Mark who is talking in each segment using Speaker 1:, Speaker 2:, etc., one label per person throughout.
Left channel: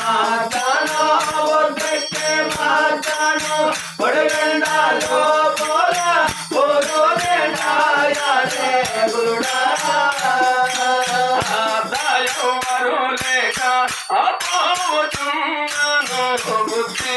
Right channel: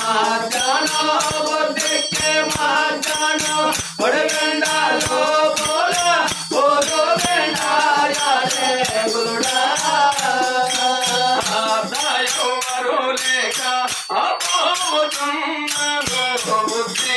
Speaker 1: ಮಾತಾಡೋ ಒಬ್ಬಕ್ಕೆ ಮಾತಾಡೋ ಹೊಡಗಂಡ ಬೋಲ ಬೋಲೋ ಗಂಡಾಯೇ ಗುರುಡ ದಾಯೋ ಮರು ಲೇಖ ಅಪೋ ತುಂಬ ಬುದ್ಧಿ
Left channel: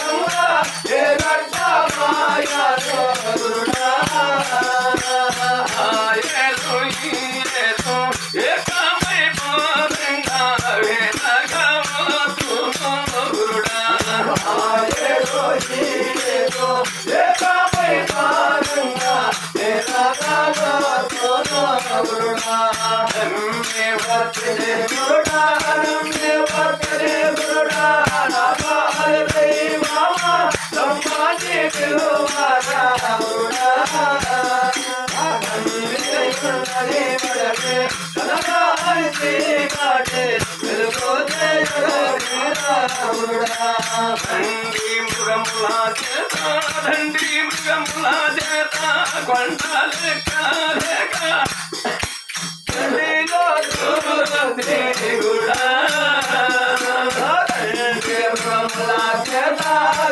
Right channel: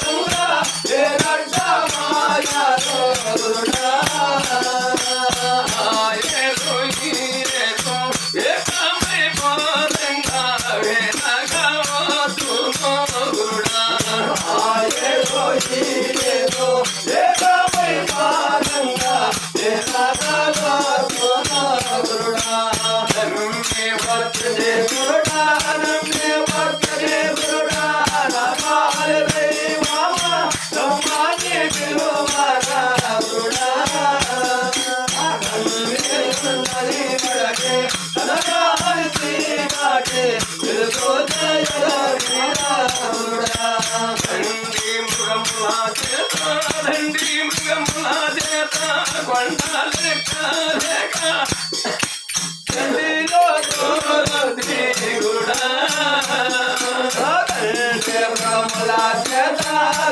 Speaker 2: దండి మృగములా చేత దండి మృగములా చేత
Speaker 1: కొండలే దేవుడా మృగములా చేత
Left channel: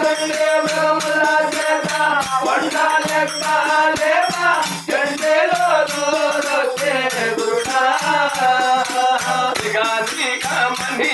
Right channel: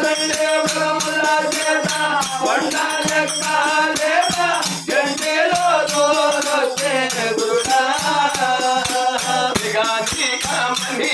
Speaker 1: దండి మృగములా చేత కొండలే కాలేవా గంటలో దూరు దేవుడా
Speaker 2: గాని కమనీ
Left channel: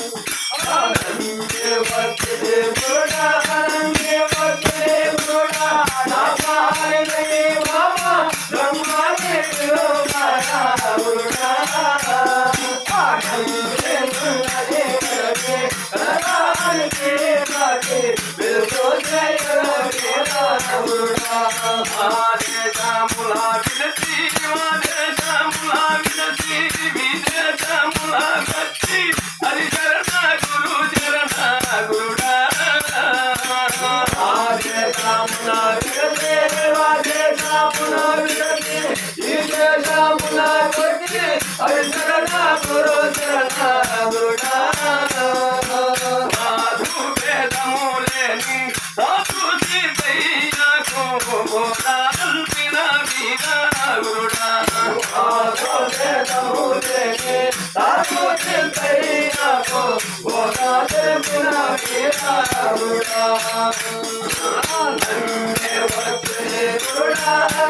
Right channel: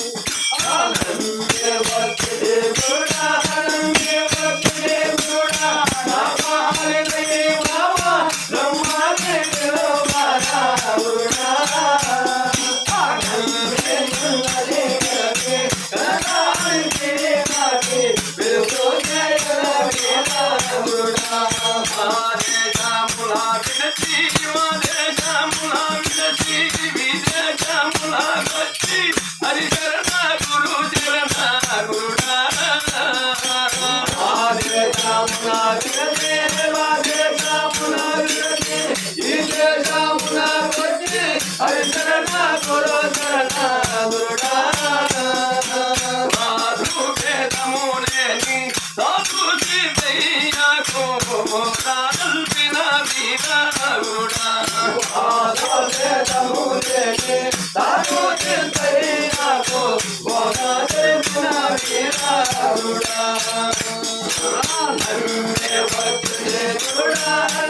Speaker 2: హరి శరణ గురు శరణ గురుడా సాధు వేదములేని సాధు సిద్ధయ్యకు కల్పిన వీర గురుడా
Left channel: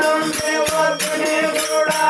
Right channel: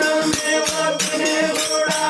Speaker 2: నమ్మి వచ్చే గురుడా